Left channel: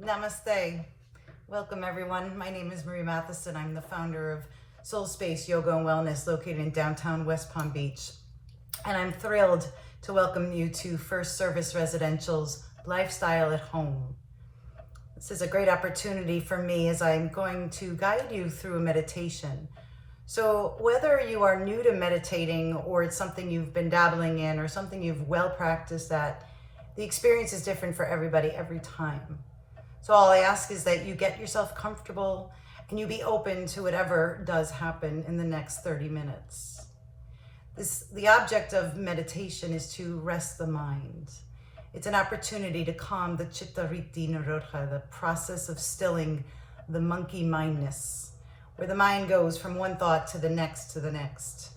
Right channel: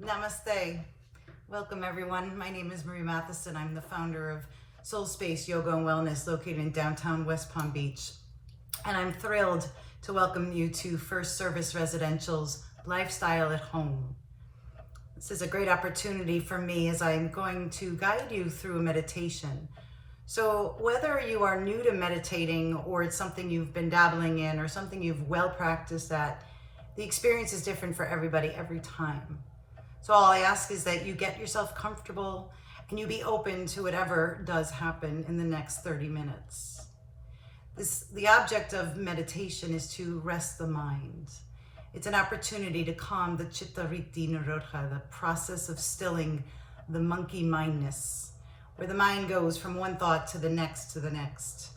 Namaste. Welcome everyone. My name is Marie Mathieson. I'm the founder of Soul Space Yoga and Wellness located in downtown West Palm Beach. And I'm thrilled to welcome you to First Service Residential's Lifestyle at Home. This is a great opportunity for me as I'm going to guide you through a meditation. So whether you are new to meditating or it's something you've been dabbling in or something you've well practiced at, the experience is different for everybody every time. So all I ask is that you get yourself comfortable and you be open to whatever does happen in the next 30 minutes. The object of meditation is to rest the mind. It's an opportunity to calm the chitta vritti nirodha, the process of stilling the monkey mindness, where the mind goes from one thought to the next to the next.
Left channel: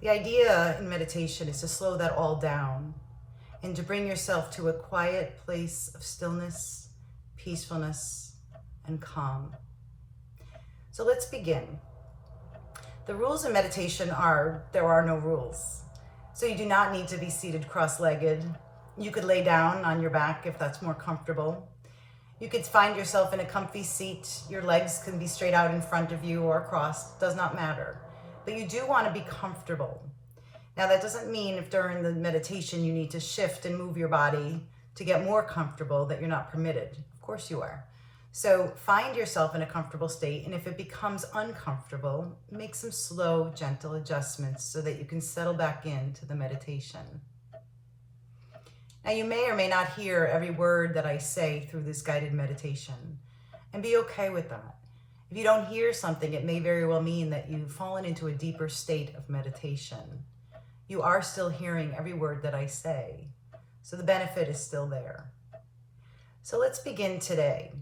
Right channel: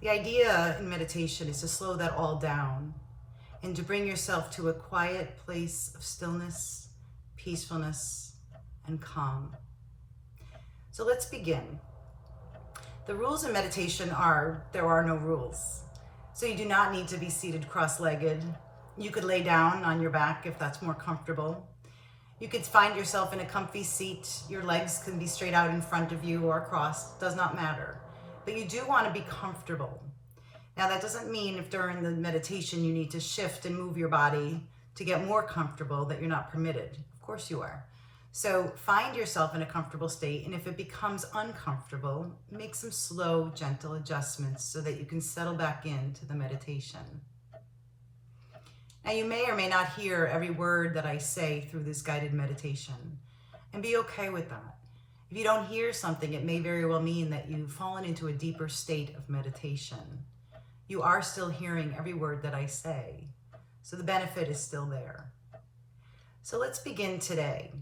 The idea in meditation is to slow that all down and to bring yourself to a quiet place of stillness, peacefulness, and calm. So let's begin. The rules in meditation are, there are no rules. So you do not need to be seated cross-legged. You could lay down on your back if that's more comfortable. You could find yourself in a comfy seat. Your legs can be straight out in front of you or across, does not matter. But you do want to be comfortable. Now that doesn't mean if during the meditation you need to shift and move your body to get more comfortable that you're not permitted. Of course you are. So find yourself in a comfortable state, and if it becomes uncomfortable, make some slow, gentle adjustments so that you can settle back into the meditation. Now you may or may not hear every word that I say through this guided meditation, and be okay with that. If you don't hear something, it may very well mean that you've fallen into a deeper state of meditation. You are still hearing every word that I say, so the benefit is still there. So let's begin today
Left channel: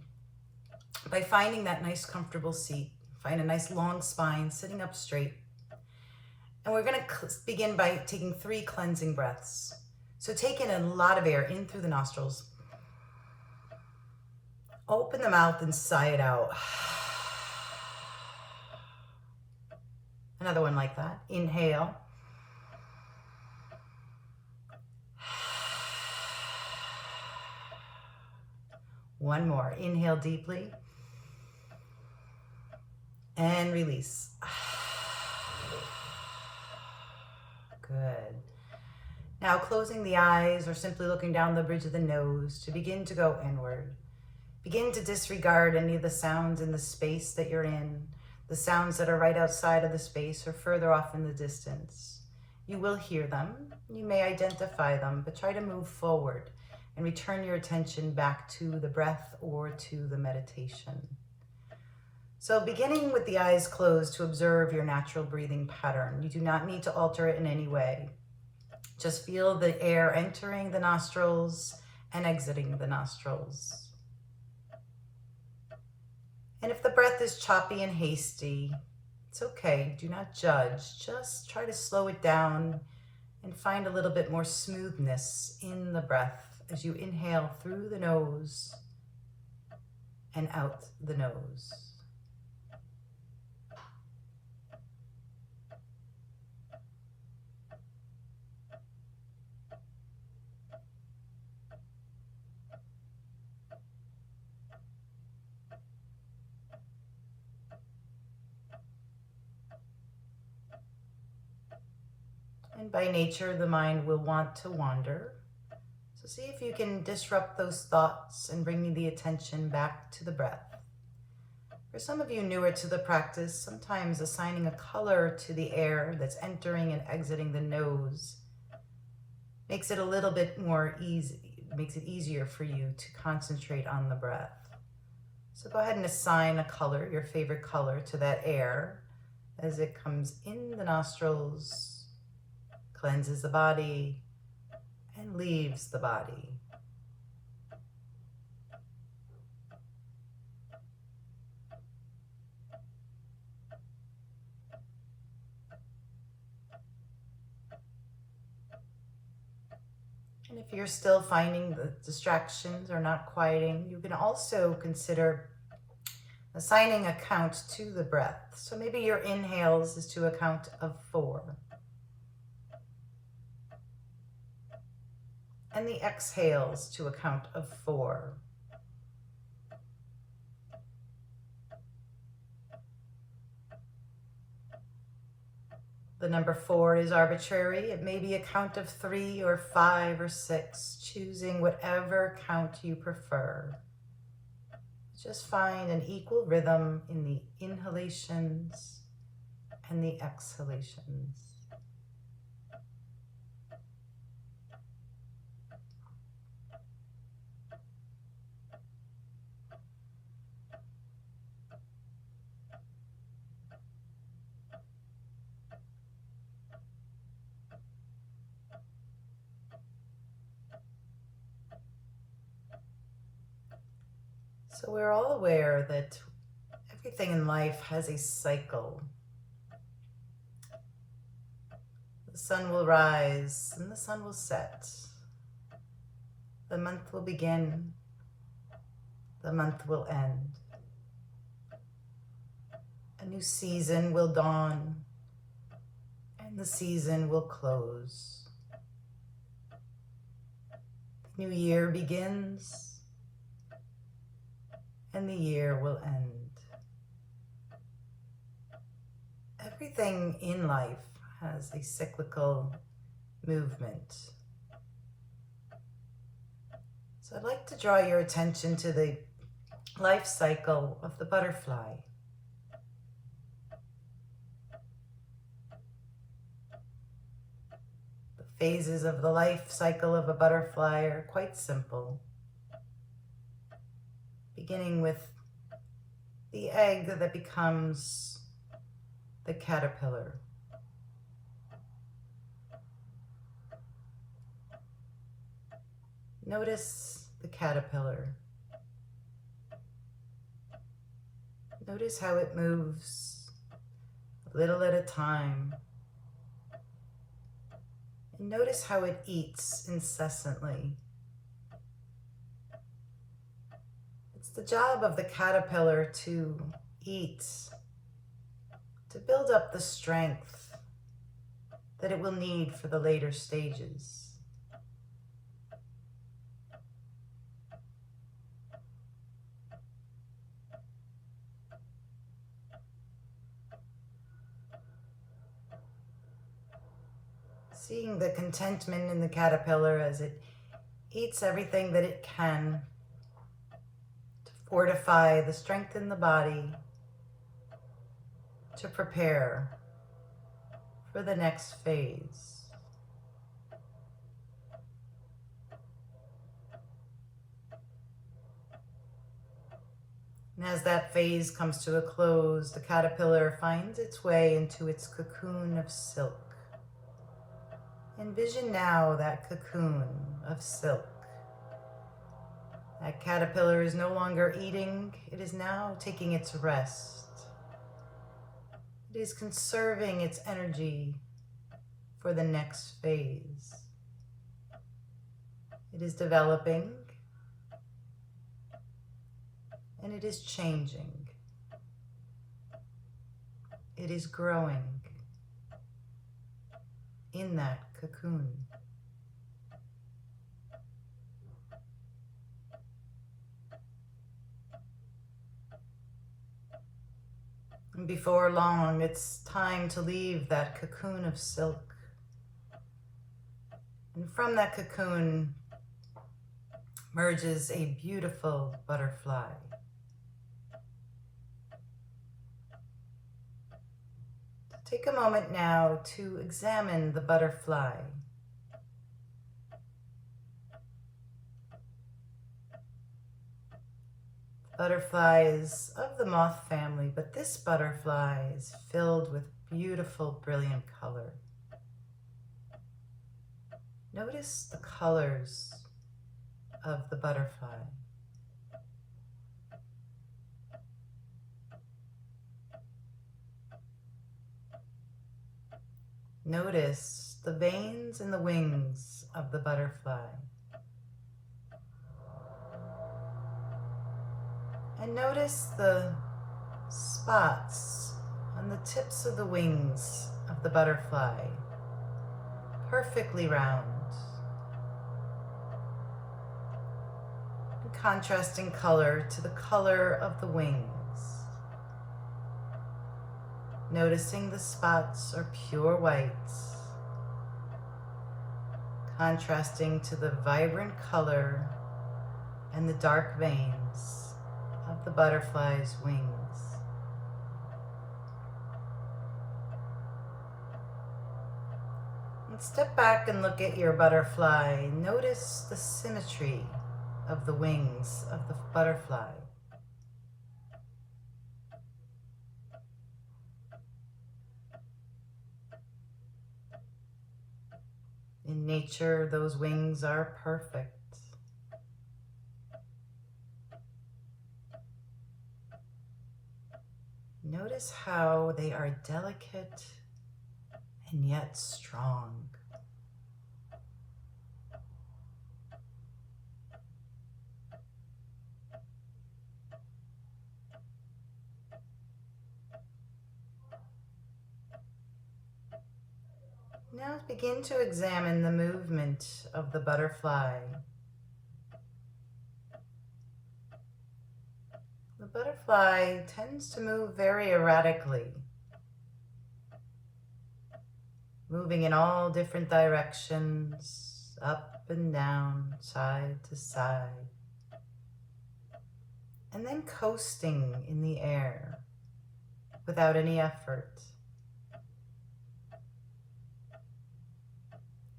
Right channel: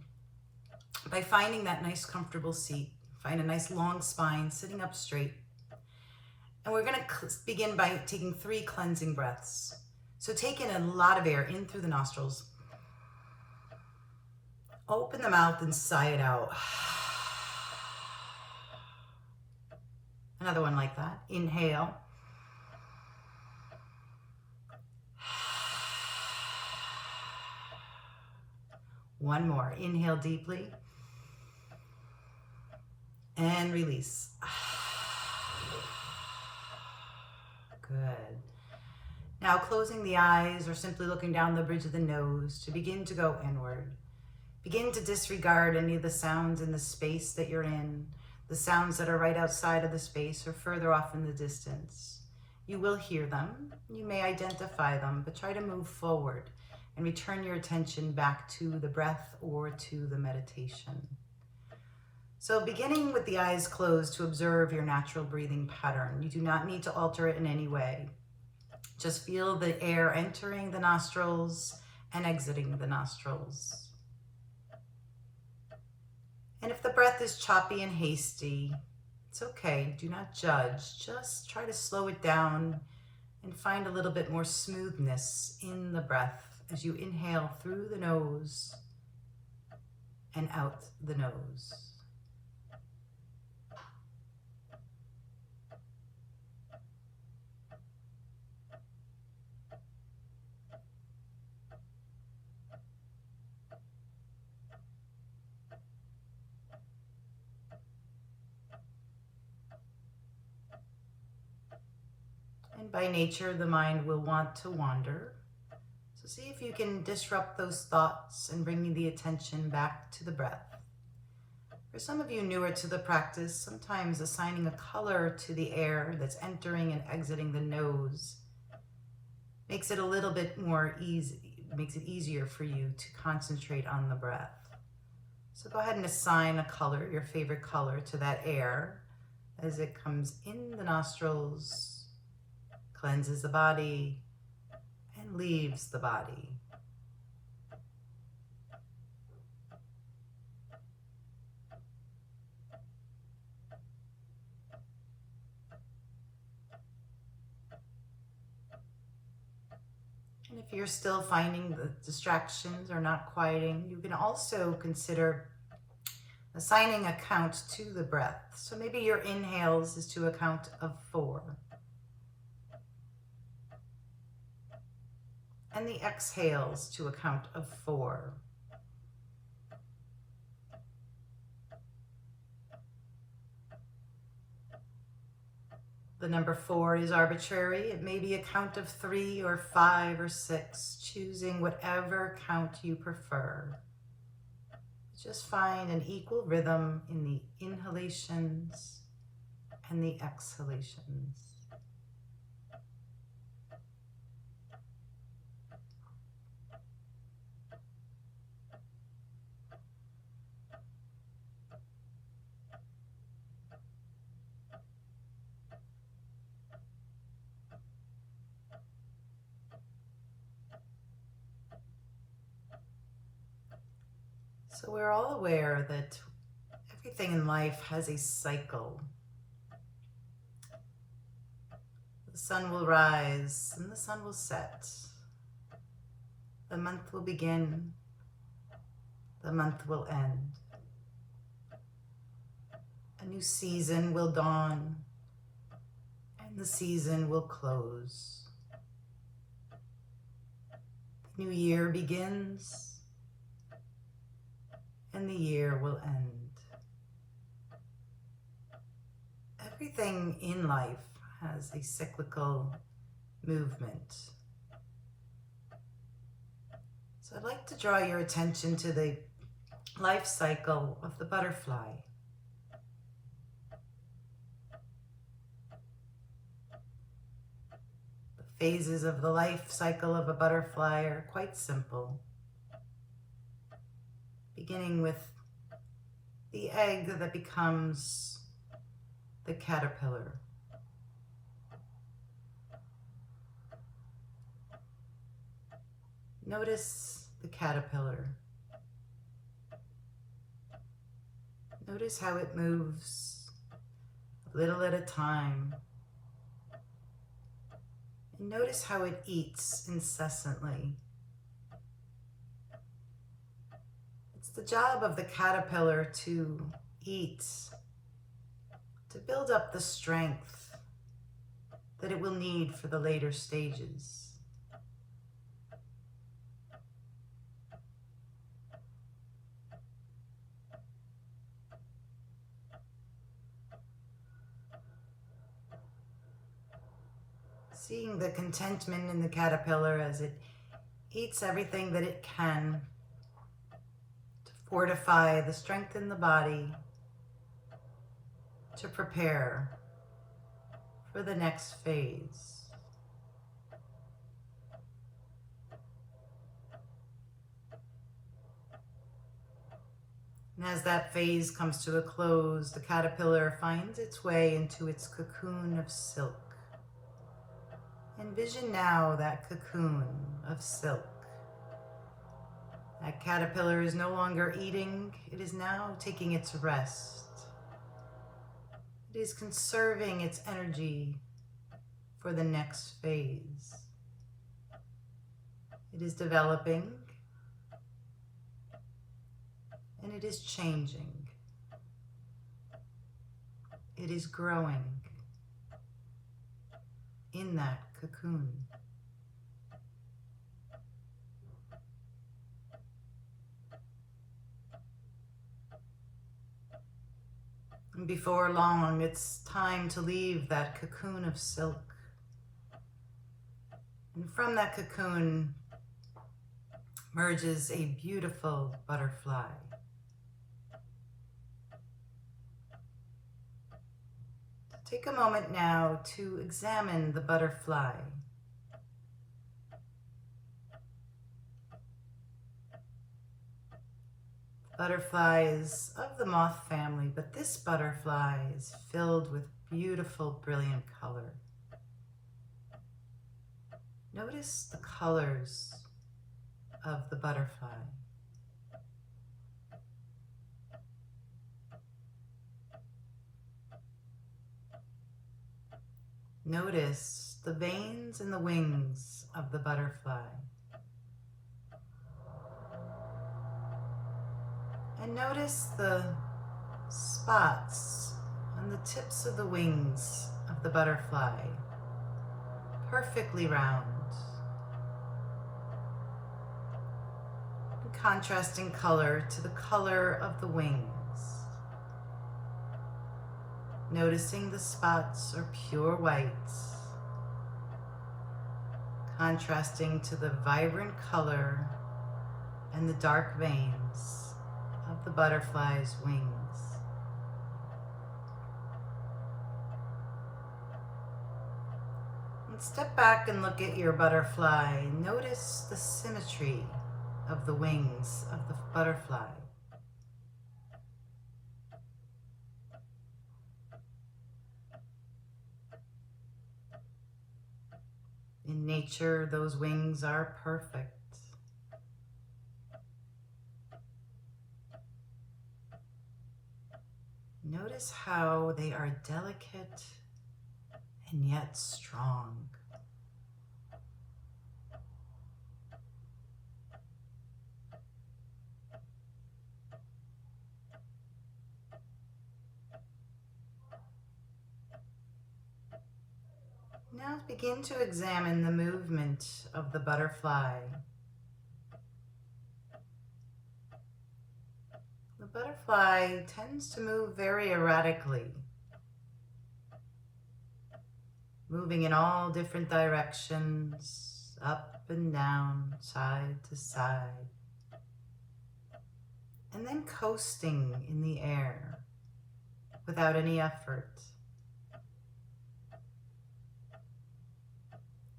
by finding that nice comfortable seat. Find a nice long spine, sitting up straight. And we're going to begin by taking 3 cleansing breaths. So take in a lot of air in through the nostrils. Open the mouth and sigh it out. Another one like that. Inhale. One more. Inhale deeply. And release. Good. Now closing the eyes or simply looking down the bridge of the nose to begin to go inward. Begin to disregard any of the sounds in the space that you're in, the sounds that are right outside of the space or further off in the distance. You will hear them. You may identify them, but try to move forward and return your attention back to the breath or to the meditation. So beginning with the eyes closed to observe your natural breathing pattern. You do not need to alter it in any way. Just feel the air entering the nostrils and exiting the nostrils. And if the breath is choppy and hasty, it's okay. Do not judge. Just try to slow it down and find a little bit more smoothness in the breath as you inhale through the nose and out the nose. And by nature, the mind will want to wander. So see if you can disrupt those thoughts and bring the attention back to the breath. For some of you newer to the practice, sometimes assigning a color to the air that's entering and exiting the nose makes it a little bit more easy, makes it easier for you to concentrate on the breath. So go ahead and assign a color, your favorite color, to that air as it comes in the nostrils, cleanses the body, and leaves the body. And if you're still finding the distractions are not quieting, you can also consider assigning a count to the breath. So maybe your inhales is to a count of 4. And the exhales to a count of 4. The number 4 is arbitrary. It may be a count of 3 or 5 or 6, choosing whatever count you prefer. Just find an equal rhythm in the inhalations and the exhalations. So we're all aware that everything in life has a cycle. The sun will rise and the sun will set. The month will begin. The month will end. A new season will dawn and the season will close. The new year begins and the year will end. Everything in life has a cyclical movement. So I'd like to draw your attention to the life cycle of the butterfly. The phases of the life cycle of a butterfly are quite simple. Beginning with the egg that becomes the caterpillar. Notice the caterpillar. Notice how it moves a little at a time. And notice how it eats incessantly. The job of the caterpillar to eat, to build up the strength that it will need for the later stages. Seeing the contentment in the caterpillar as it eats everything that it can fortify the strength in the body to prepare for the next phase. And as that phase comes to a close, the caterpillar finds its way into its cocoon of silk. Envision now that cocoon of silk. That caterpillar is no longer eating, it is now taking its rest. It is conserving its energy for the next phase. It is developing and it is changing. It is growing in that cocoon. And before long, it's time to leave that cocoon of silk. And from that cocoon emerges a beautiful butterfly. Take a moment now to examine the butterfly. Butterfly is of the moth family, but this butterfly is filled with beautiful, brilliant color. Notice the colors of the butterfly. Notice the veins in the wings of the butterfly. And notice the spots on the tips of the wings of the butterfly, perfectly round, in contrasting color to the color of the wings. Noticing the spots are pure whites, contrasting to the vibrant color and the dark veins of the butterfly's wings. And step back and look at your butterfly. Notice the symmetry of the wings of the butterfly. In nature, those wings are perfect. Notice how they are delicate and yet strong. Now begin to examine the movement of the butterfly. The butterfly tends to move very erratically, moving in all different directions, up and down, side to side, and then coasting in the air without any effort.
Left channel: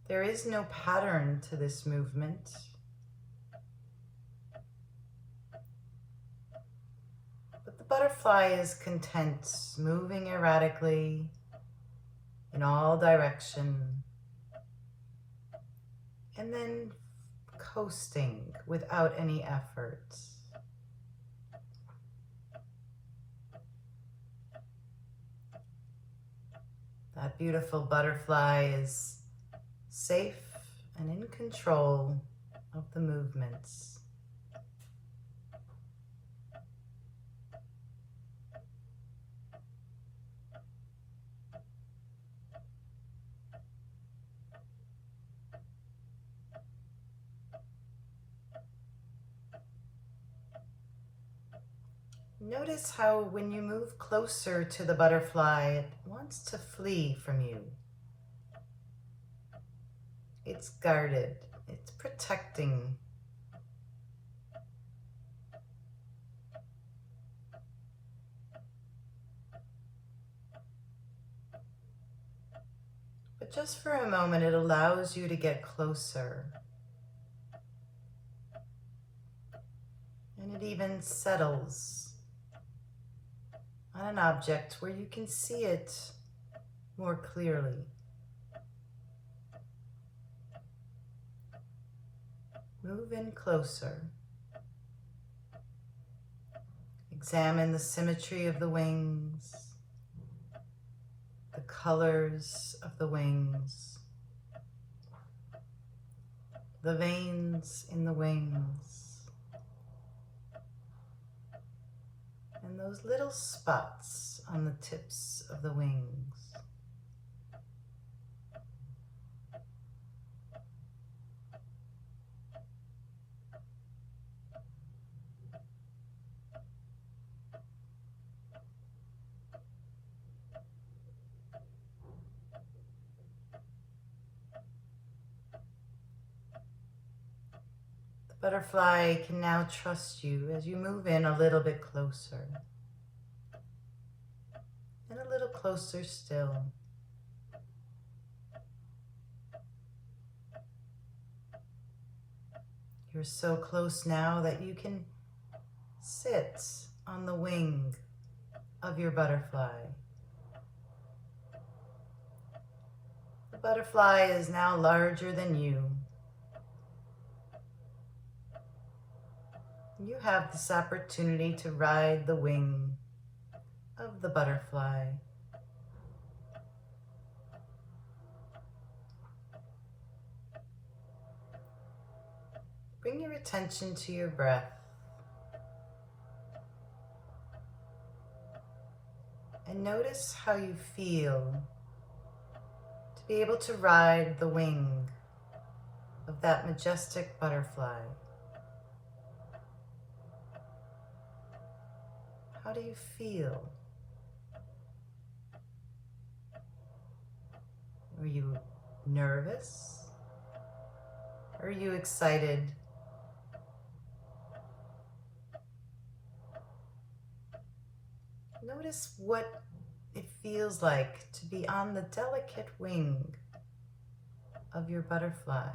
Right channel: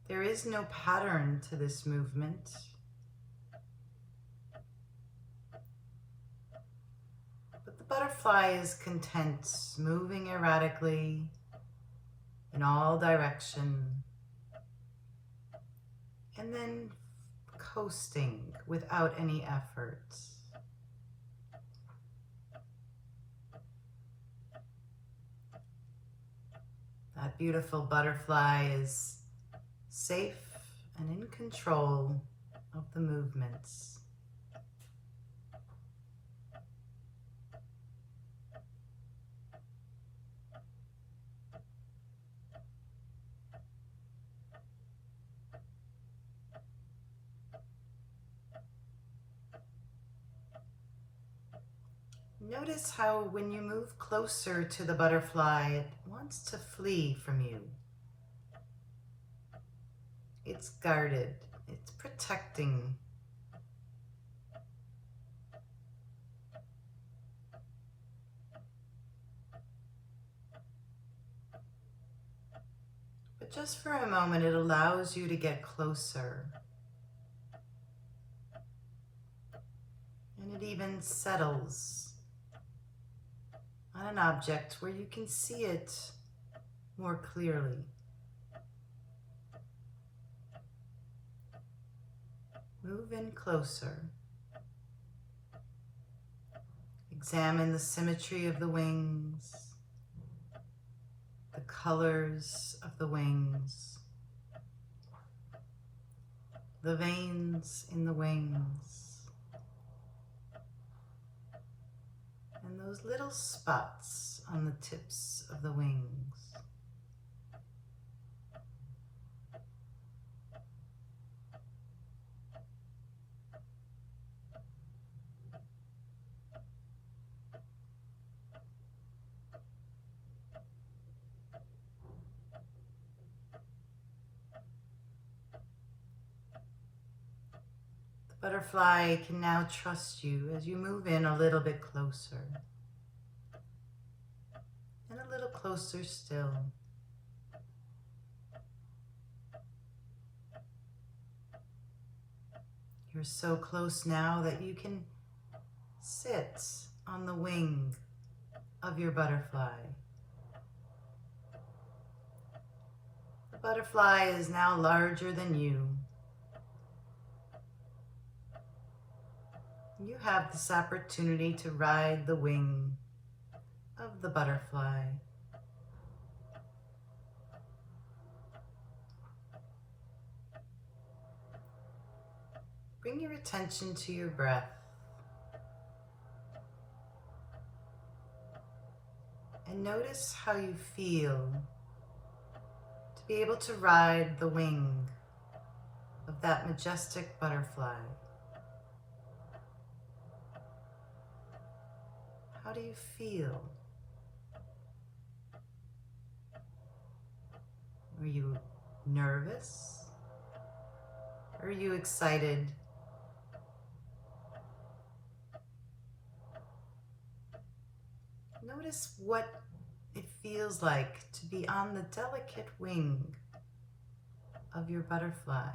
There is no pattern to this movement. But the butterfly is content, moving erratically in all direction, and then coasting without any effort. That beautiful butterfly is safe and in control of the movements. Notice how when you move closer to the butterfly, it wants to flee from you. It's guarded, it's protecting. But just for a moment, it allows you to get closer. And it even settles on an object where you can see it more clearly. Move in closer. Examine the symmetry of the wings, the colors of the wings, the veins in the wings, and those little spots on the tips of the wings. The butterfly can now trust you as you move in a little bit closer. And a little closer still. You're so close now that you can sit on the wing of your butterfly. The butterfly is now larger than you. You have this opportunity to ride the wing of the butterfly. Bring your attention to your breath. And notice how you feel to be able to ride the wing of that majestic butterfly. How do you feel? Are you nervous? Are you excited? Notice what it feels like to be on the delicate wing of your butterfly.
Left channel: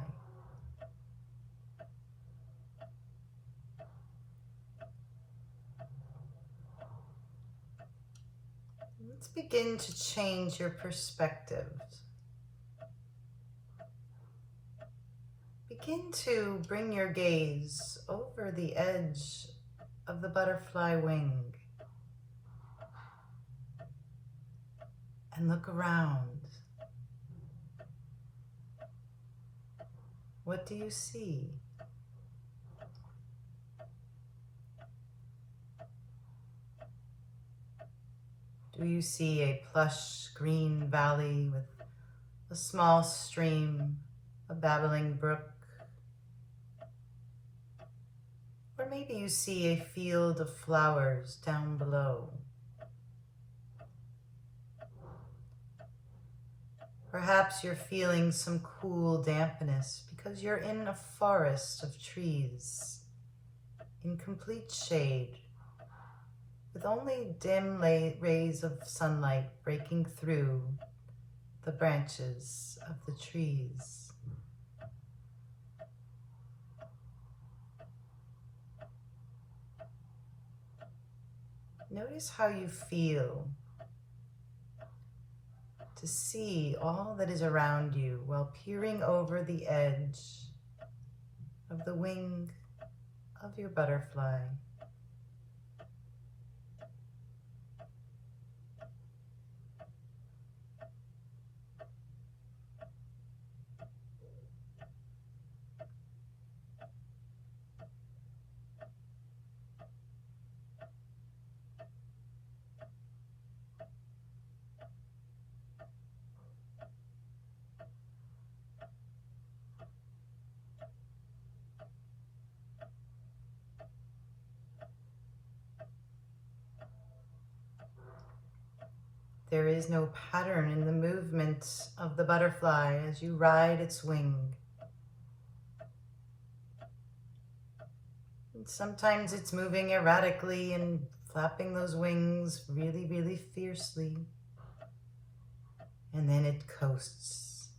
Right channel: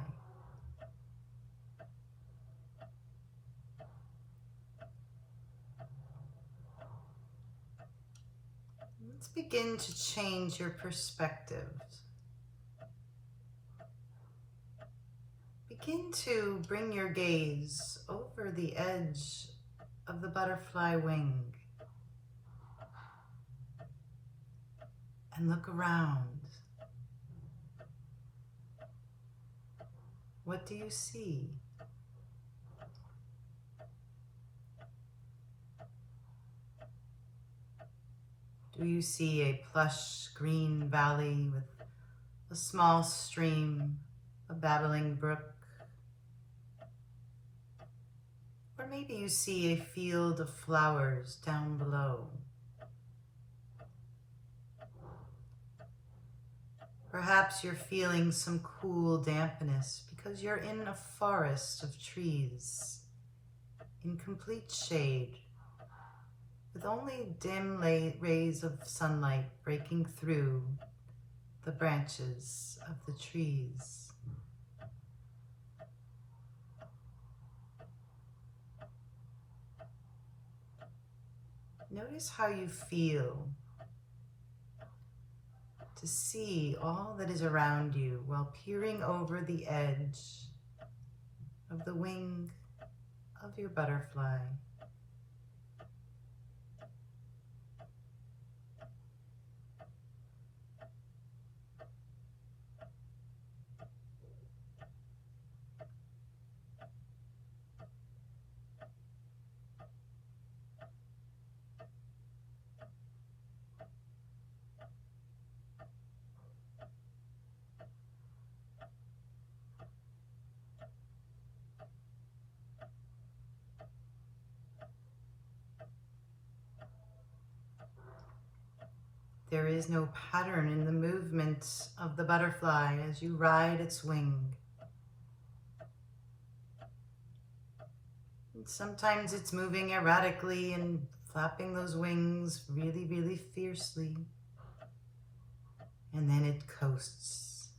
Let's begin to change your perspective. Begin to bring your gaze over the edge of the butterfly wing and look around. What do you see? Do you see a plush green valley with a small stream, a babbling brook? Or maybe you see a field of flowers down below. Perhaps you're feeling some cool dampness because you're in a forest of trees in complete shade, with only dim rays of sunlight breaking through the branches of the trees. Notice how you feel to see all that is around you while peering over the edge of the wing of your butterfly. There is no pattern in the movement of the butterfly as you ride its wing. And sometimes it's moving erratically and flapping those wings really, really fiercely. And then it coasts.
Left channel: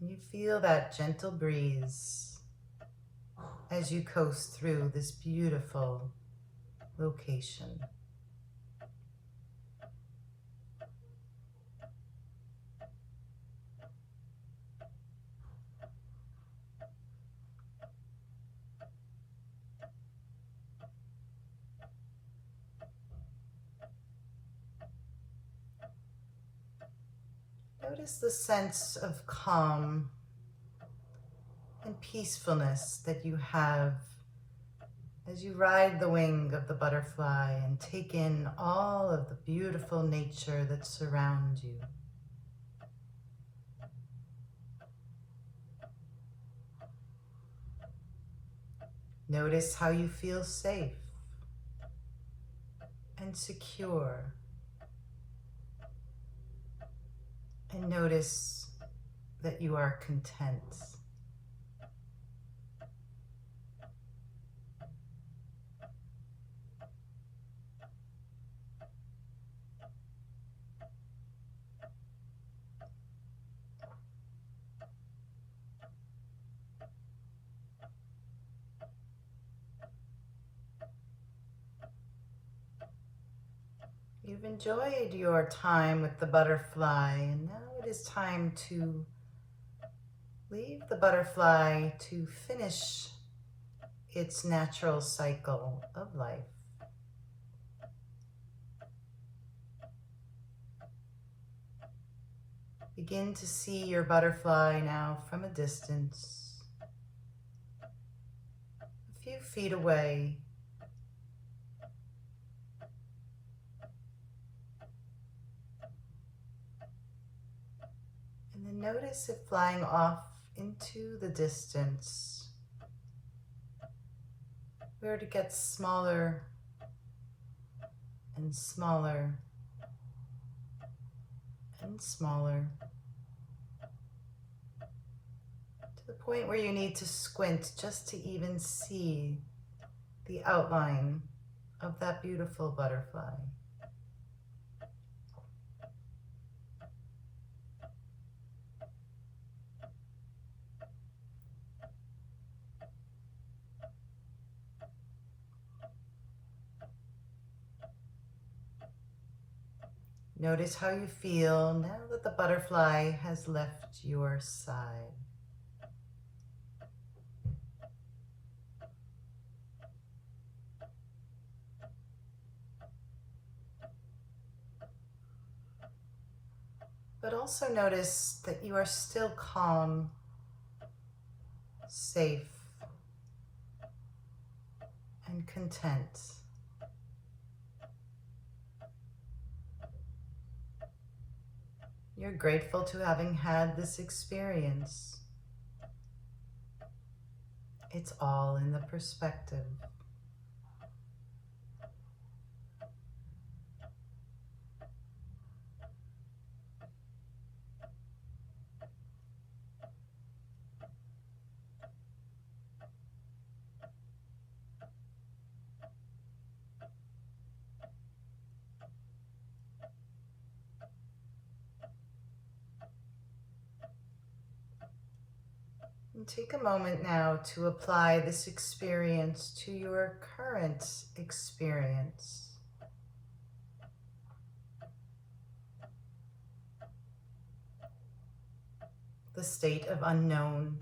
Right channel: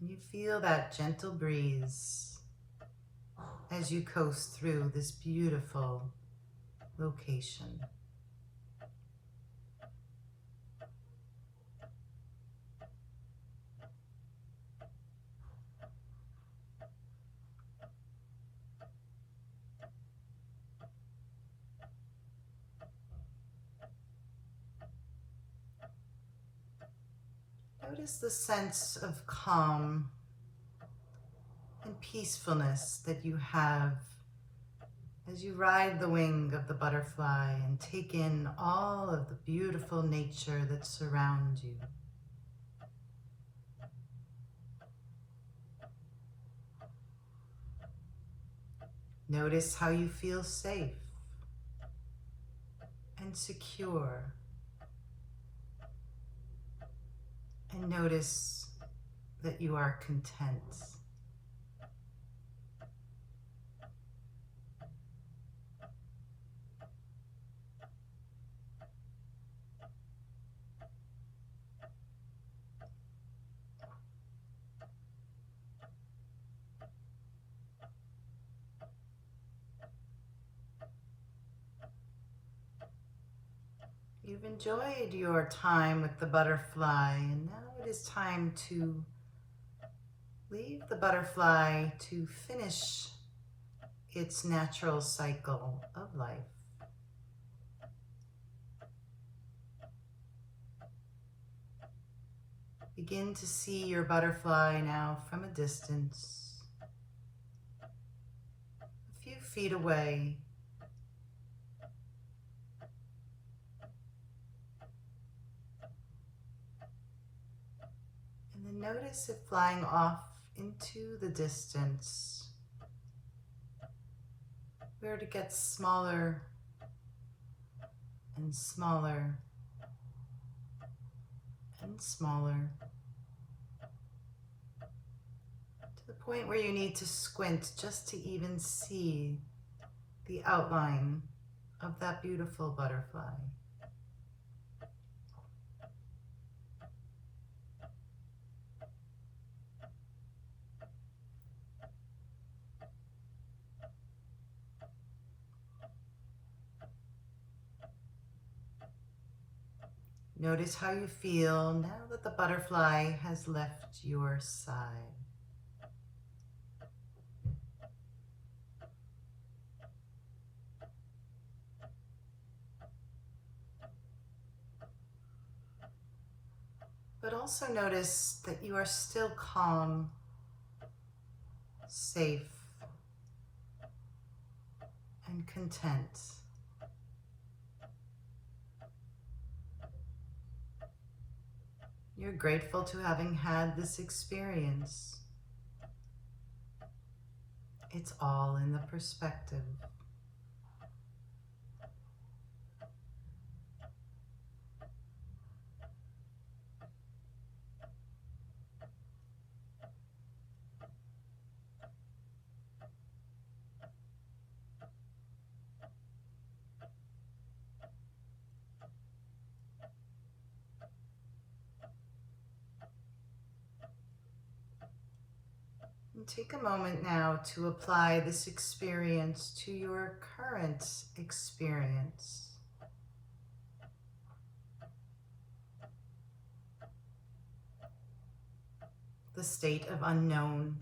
And you feel that gentle breeze as you coast through this beautiful location. Notice the sense of calm and peacefulness that you have as you ride the wing of the butterfly and take in all of the beautiful nature that surrounds you. Notice how you feel safe and secure. And notice that you are content. You've enjoyed your time with the butterfly, and now it is time to leave the butterfly to finish its natural cycle of life. Begin to see your butterfly now from a distance, a few feet away. And then notice it flying off into the distance, where it gets smaller and smaller and smaller. the point where you need to squint just to even see the outline of that beautiful butterfly. Notice how you feel now that the butterfly has left your side. But also notice that you are still calm, safe, and content. You're grateful to having had this experience. It's all in the perspective. And take a moment now to apply this experience to your current experience. The state of unknown.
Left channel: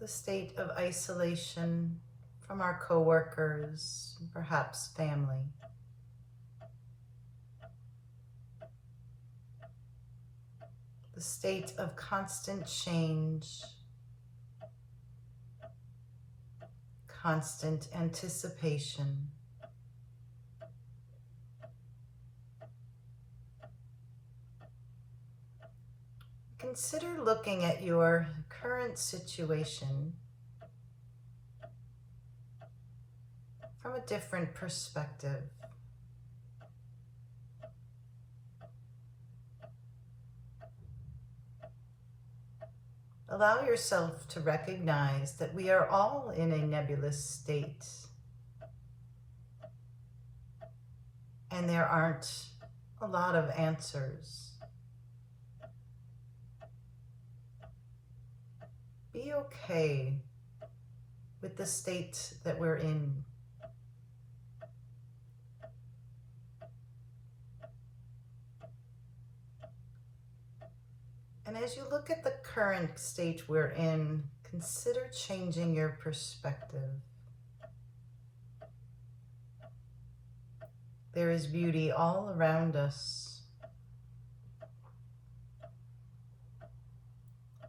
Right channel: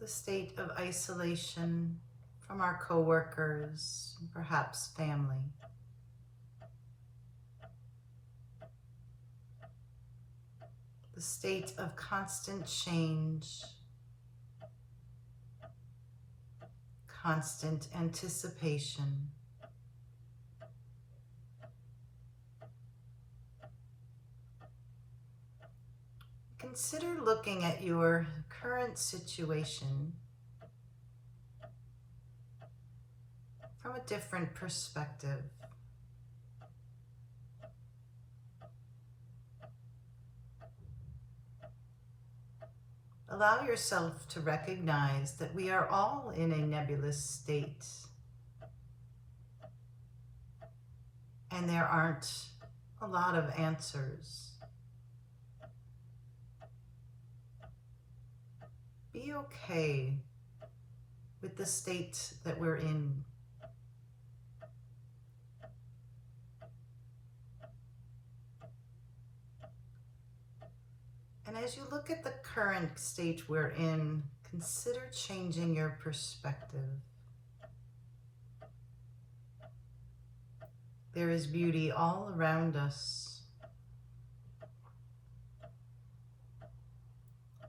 The state of isolation from our coworkers, and perhaps family. The state of constant change, constant anticipation. Consider looking at your current situation from a different perspective. Allow yourself to recognize that we are all in a nebulous state, and there aren't a lot of answers. Be okay with the state that we're in. And as you look at the current state we're in, consider changing your perspective. There is beauty all around us.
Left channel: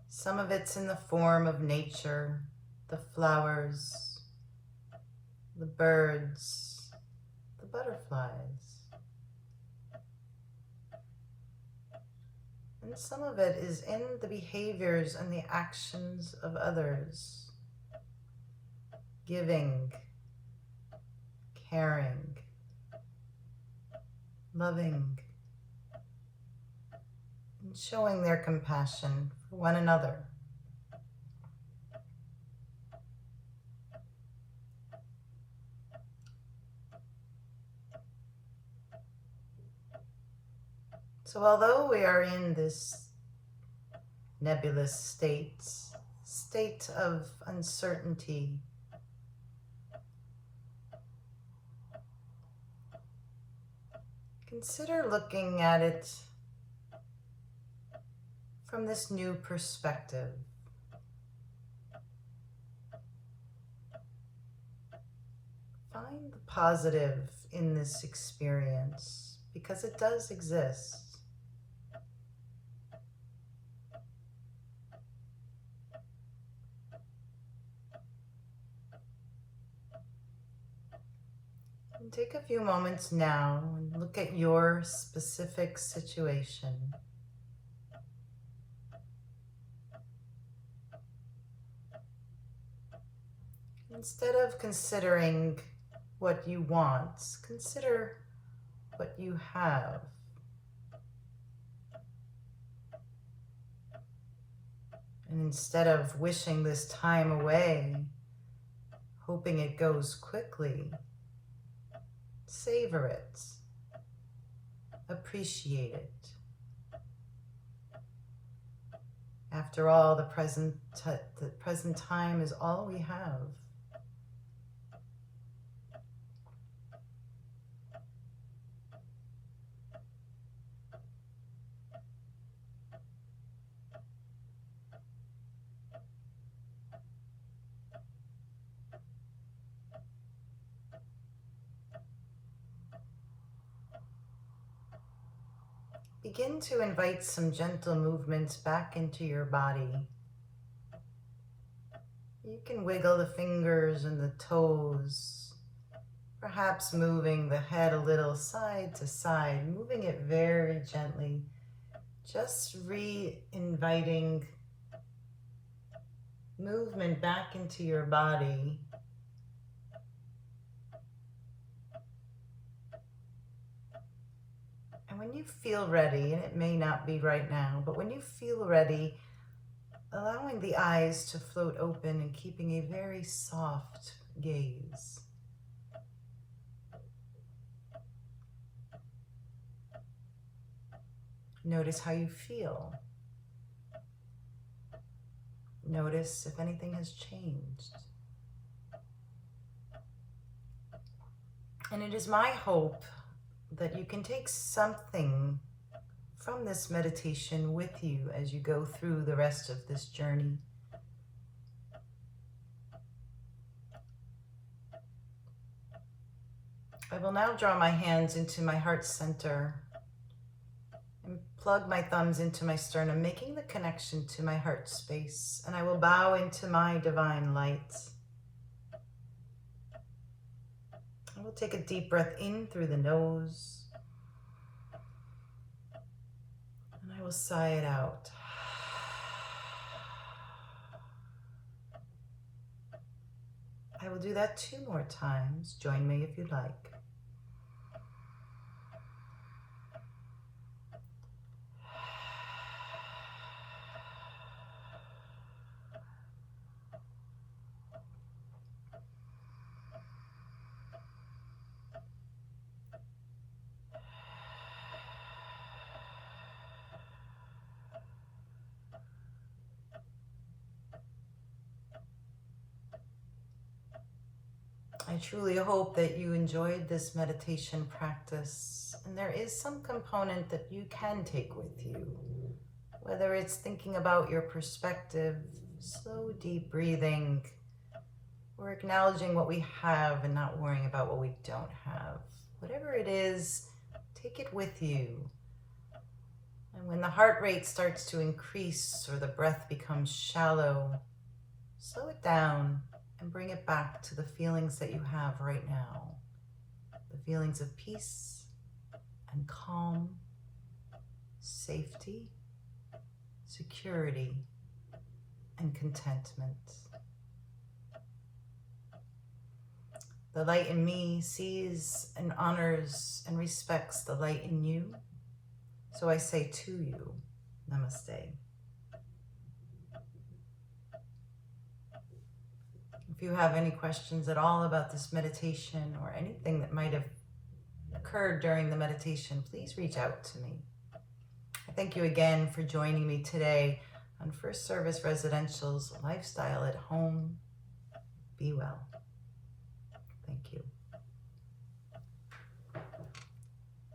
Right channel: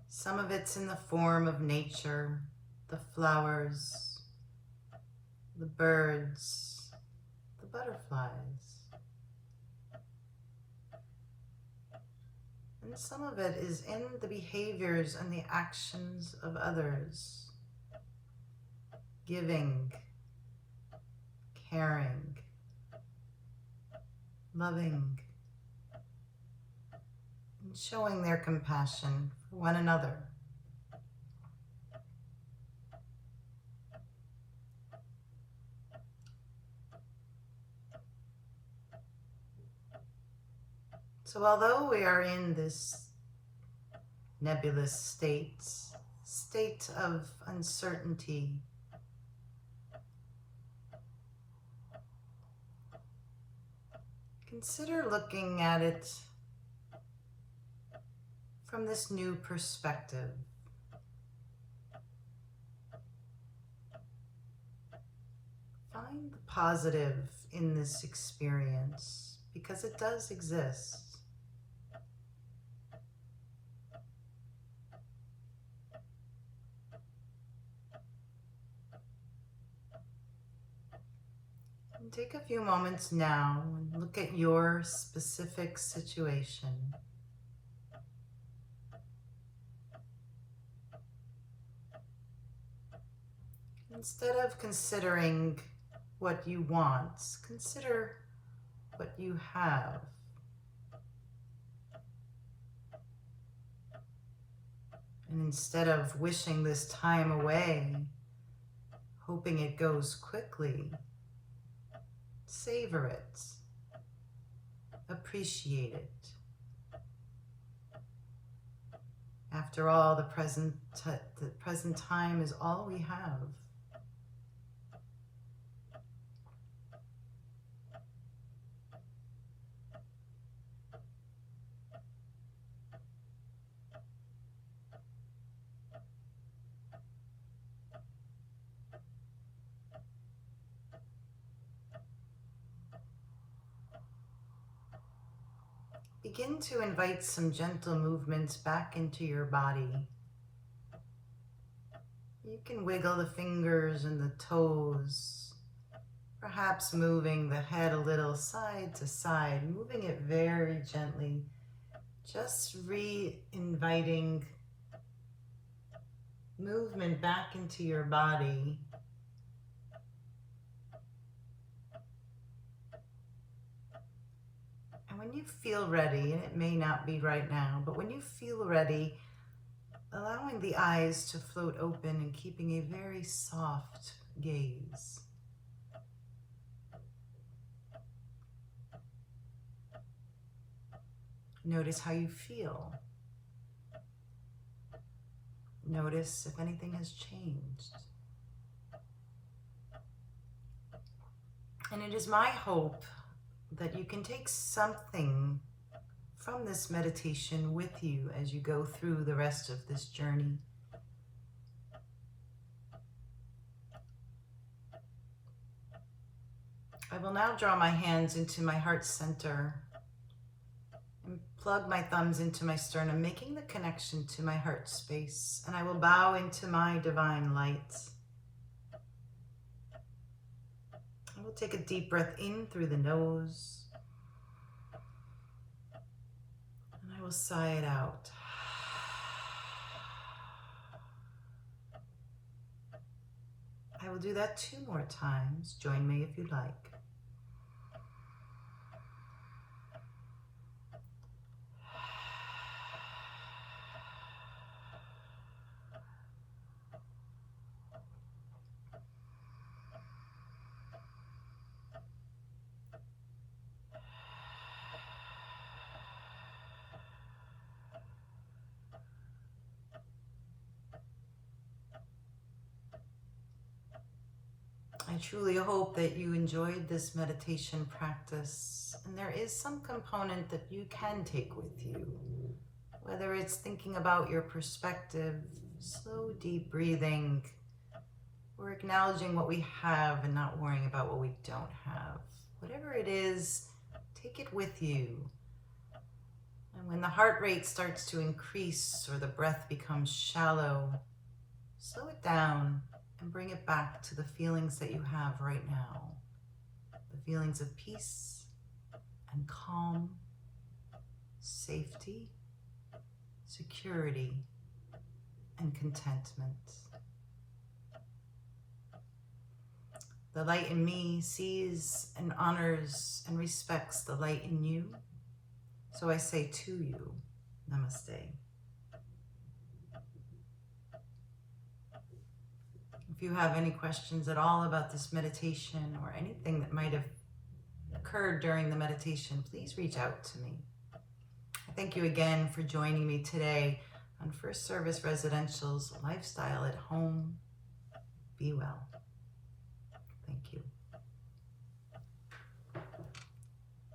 Some of it's in the form of nature, the flowers, the birds, the butterflies. And some of it is in the behaviors and the actions of others. Giving, caring, loving, and showing their compassion for one another. So although we are in this nebulous state of uncertainty, consider looking at it from this new perspective. Find the positive in this experience, because it does exist. And take a few moments now and look at your specific situation. Instead of considering what you want, consider what you have. And instead of wishing this time away, hoping it goes quickly, savor it, appreciate it. After all, the present time is all we have. Begin to invite some gentle movements back into your body. You can wiggle the fingers and the toes, perhaps moving the head a little side to side, moving it very gently, just re-inviting movement back into your body. And when you feel ready, and it may not be right now, but when you feel ready, allowing the eyes to float open and keeping a very soft gaze. Notice how you feel. Notice if anything has changed. And it is my hope that you can take something from this meditation with you as you go through the rest of this journey. I will now draw my hands into my heart center and plug my thumbs into my sternum, making the connection to my heart space. And I will bow into my divine light. I will take a deep breath in through the nose. And I will sigh it out. I will do that 2 more times. Join me if you like. I truly hope that you enjoyed this meditation practice, and there is some component that you can take with you, whether it's thinking about your perspective, slow, deep breathing, or acknowledging what we have and not worrying about what we don't have. Whatever it is, take it with you. And when the heart rate starts to increase or the breath becomes shallow, slow it down and bring it back to the feelings that you have right now. The feelings of peace and calm, safety, security, and contentment. The light in me sees and honors and respects the light in you. So I say to you, namaste. If you have any questions at all about this meditation or anything that might have occurred during the meditation, please reach out to me. I thank you again for joining me today on First Service Residential's Lifestyle at Home. Be well.